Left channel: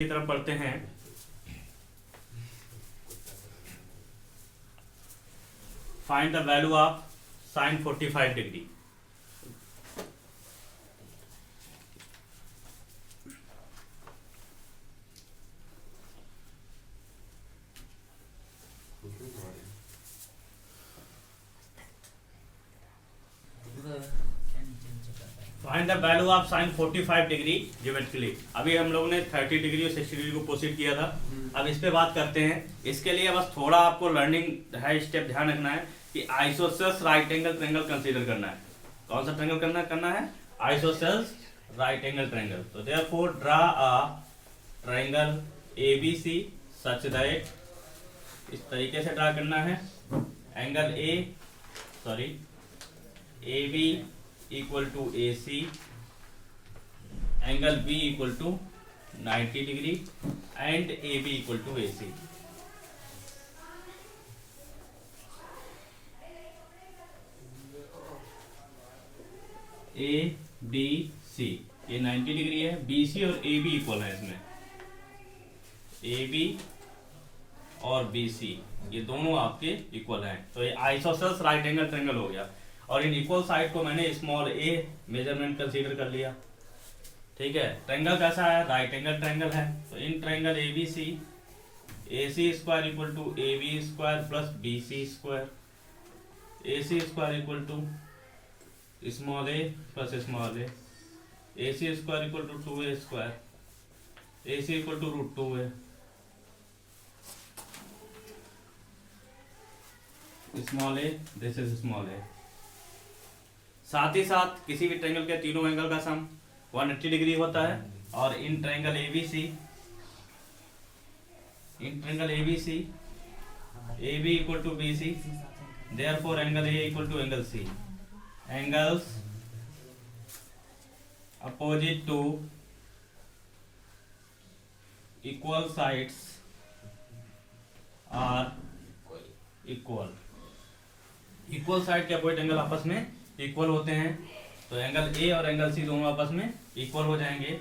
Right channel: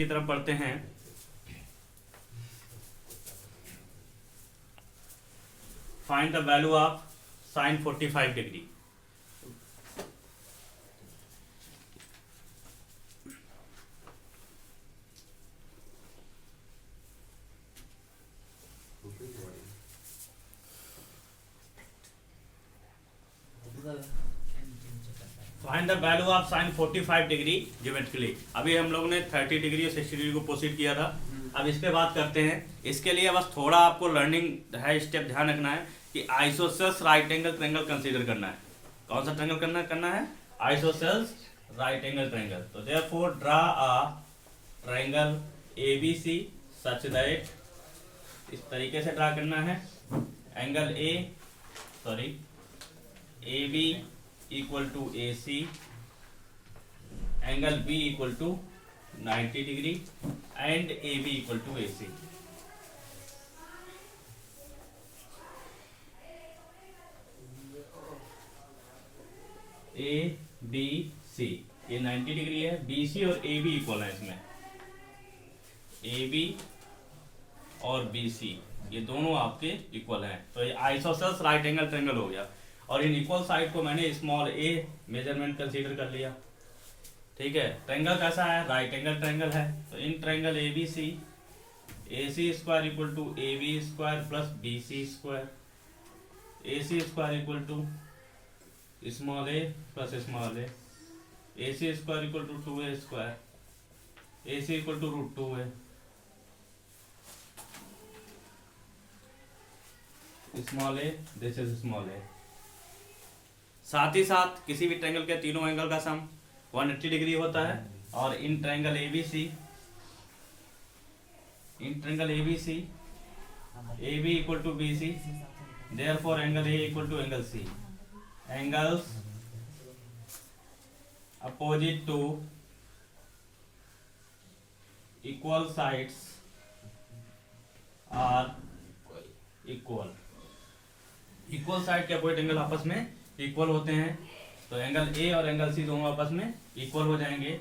की तरफ पढ़ते हैं। Find the value of sine 45 degree. Find the value of sine 45 degree geometrically. अभी हम लोगों ने 30 डिग्री और 60 डिग्री को प्रोसीड किया था। अब इस पे बात करते हैं। इसके लिए बस थोड़ा आपको लर्निंग है, स्टेप ध्यान रखना है कि isosceles right angle triangle consider करना है। कौन सा ट्रायंगल करना है? Isosceles right angle triangle. तो therefore draw a triangle ABC such that, इस तरीके से ड्रा करना है। Angle AB equal to AC, angle B equal to 90 degree and AB equal to AC। ABC ये 90 डिग्री है, BC और AB इक्वल है। इसमें AB और BC ये दोनों आपके इक्वल हैं, तो ये आइसोसेल्स राइट एंगल ट्रायंगल हो गया। और इन इक्वल साइड को मैंने स्मॉल a मेजरमेंट कंसीडर कर लिया। ठीक है, ट्रायंगल कैसा है? राइट एंगल ट्रायंगल है। तो in triangle ABC AC square equal to AB square plus BC square, AC square equal to small a plus small a, AC square equal to 2a square, AC equal to √2a, small a, this is small a। साथ ही साथ किसी भी triangle के तीनों angle का सम 180 degree होता है। और in triangle ABC AB equal to BC, therefore angle A equal to angle C। Angles opposite to equal sides are equal. Equal side के अपोजिट एंगल आपस में इक्वल होते हैं, तो एंगल A और एंगल C दोनों आपस में इक्वल हो जाएंगे।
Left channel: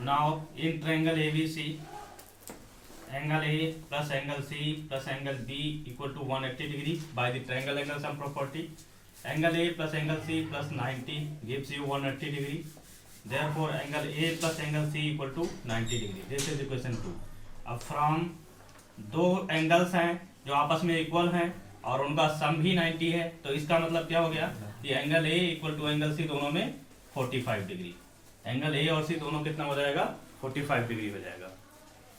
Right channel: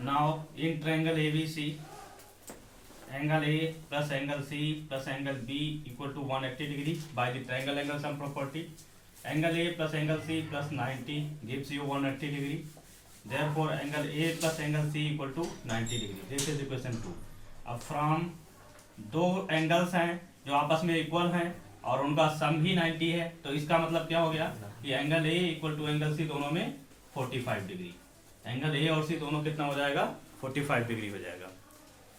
Now in triangle ABC angle A plus angle C plus angle B equal to 180 degree by the triangle angle sum property. Angle A plus angle C plus 90 gives you 180 degree, therefore angle A plus angle C equal to 90 degree. This is equation 2। अब from दो angles हैं जो आपस में equal हैं और उनका सम भी 90 है, तो इसका मतलब क्या हो गया कि angle A equal to angle C दोनों में 45 डिग्री। एंगल A और C दोनों कितना हो जाएगा? 45 डिग्री हो जाएगा।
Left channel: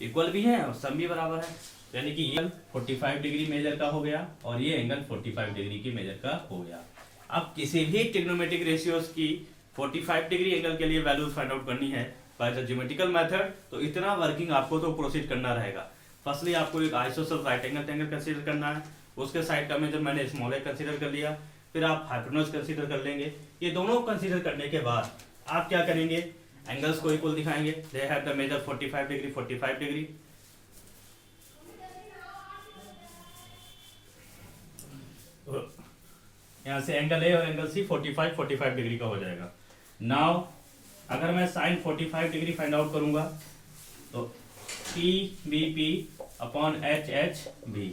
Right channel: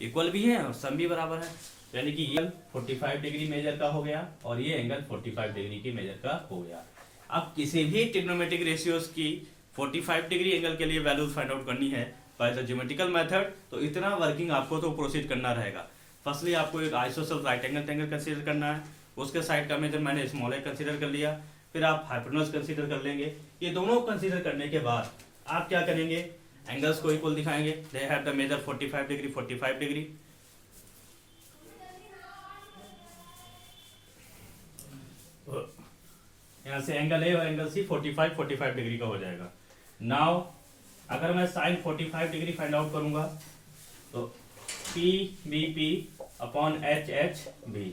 इक्वल भी है और सम भी बराबर है, यानी कि ये 45 डिग्री मेजर का हो गया और ये एंगल 45 डिग्री की मेजर का हो गया। अब किसी भी ट्रिग्नोमेट्रिक रेशियोज की 45 डिग्री एंगल के लिए वैल्यूज फाइंड आउट करनी है बाय द ज्योमेट्रिकल मेथड, तो इतना वर्किंग आपको तो प्रोसीड करना रहेगा। फर्स्टली आपको एक isosceles right angle triangle consider करना है, उसके साइड का मेजर मैंने स्मॉल a कंसीडर कर लिया। फिर आप हाइपोटेन्यूज कंसीडर कर लेंगे। ये दोनों कंसीडर करने के बाद आप क्या करेंगे? एंगल्स को इक्वल दिखाएंगे। They have the measure 45 degree 45 degree. यहाँ से एंगल A और एंगल C 45 डिग्री का हो जाएगा। नाउ अगर मैं साइन 45 डिग्री फाइंड आउट करूंगा तो PBP upon HHB।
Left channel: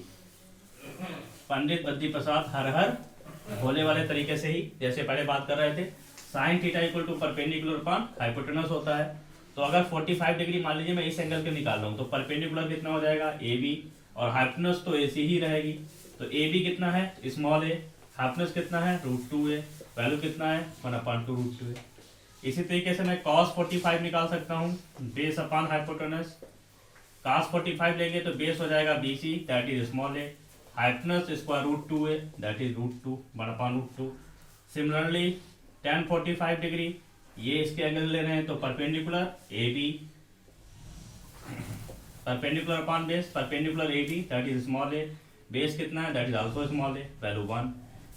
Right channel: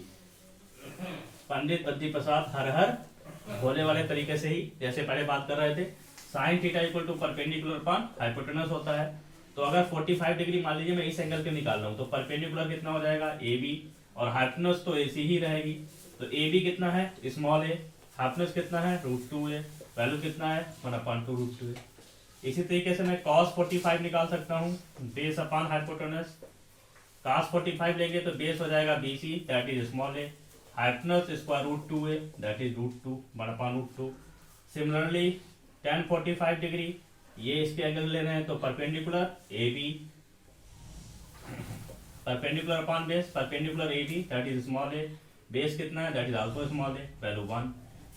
Pandit Badri Prasad हर हर भोले वाले तरीके से ही, जैसे पहले बात कर रहे थे, sine theta equal to perpendicular upon hypotenuse होता है। तो अगर 45 डिग्री मान लीजिए मैं इस एंगल के निकाल रहा हूँ, तो परपेंडिकुलर कितना हो जाएगा? AB, और हाइपोटेनस तो AC ही रहेगी। तो AB कितना है? Small a। हाइपोटेनस कितना है? √2a। वैल्यू कितना है? 1/2√2a। इसी तरीके से मैं cos 45 निकाल सकता हूँ, बेस अपॉन हाइपोटेनस। cos 45 लेंगे तो बेस हो जाएगा BC, that is small a। Hypotenuse square √2a, that is √2 1/√2। Similarly tan 45 degree, ये इसके एंगल ले रहे हैं, तो perpendicular AB, perpendicular upon base, perpendicular AB, that is small a। Base कितना है? That is also small a, value 1।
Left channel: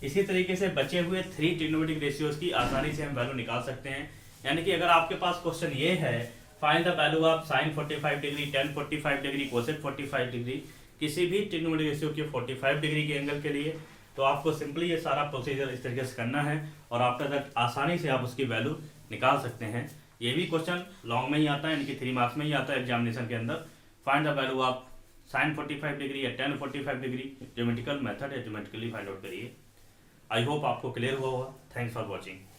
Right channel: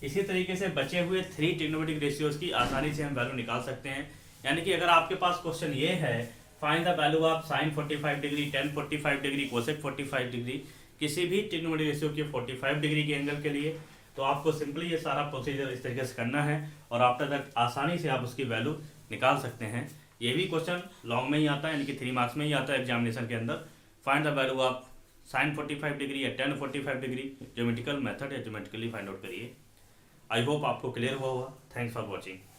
इसी तरीके से बचे हुए 3 ट्रिग्नोमेट्रिक रेशियोज की आसानी से हम वैल्यू निकाल सकते हैं। यानी कि अगर आपके पास क्वेश्चन ये है, find the value of sine 45 degree, tan 45 degree, cosec 45 degree, किसी भी ट्रिग्नोमेट्रिक रेशियो के 45 डिग्री के एंगल के लिए, तो आपको सिंपली ये सारा प्रोसीजर इस तरीके से करना है और आफ्टर दैट आसानी से आप उसकी वैल्यू निकाल सकते हैं। ये भी क्वेश्चन लॉन्ग में ही आता है, यानी कि 3 मार्क्स में ही आता है एग्जामिनेशन के अंदर। Find the value of sin 45 degree या tan 45 डिग्री, ज्योमेट्रिकल मेथड है, ज्योमेट्रिकली फाइंड आउट करिए। आई होप आपको क्लियर हुआ होगा। Thanks for watching.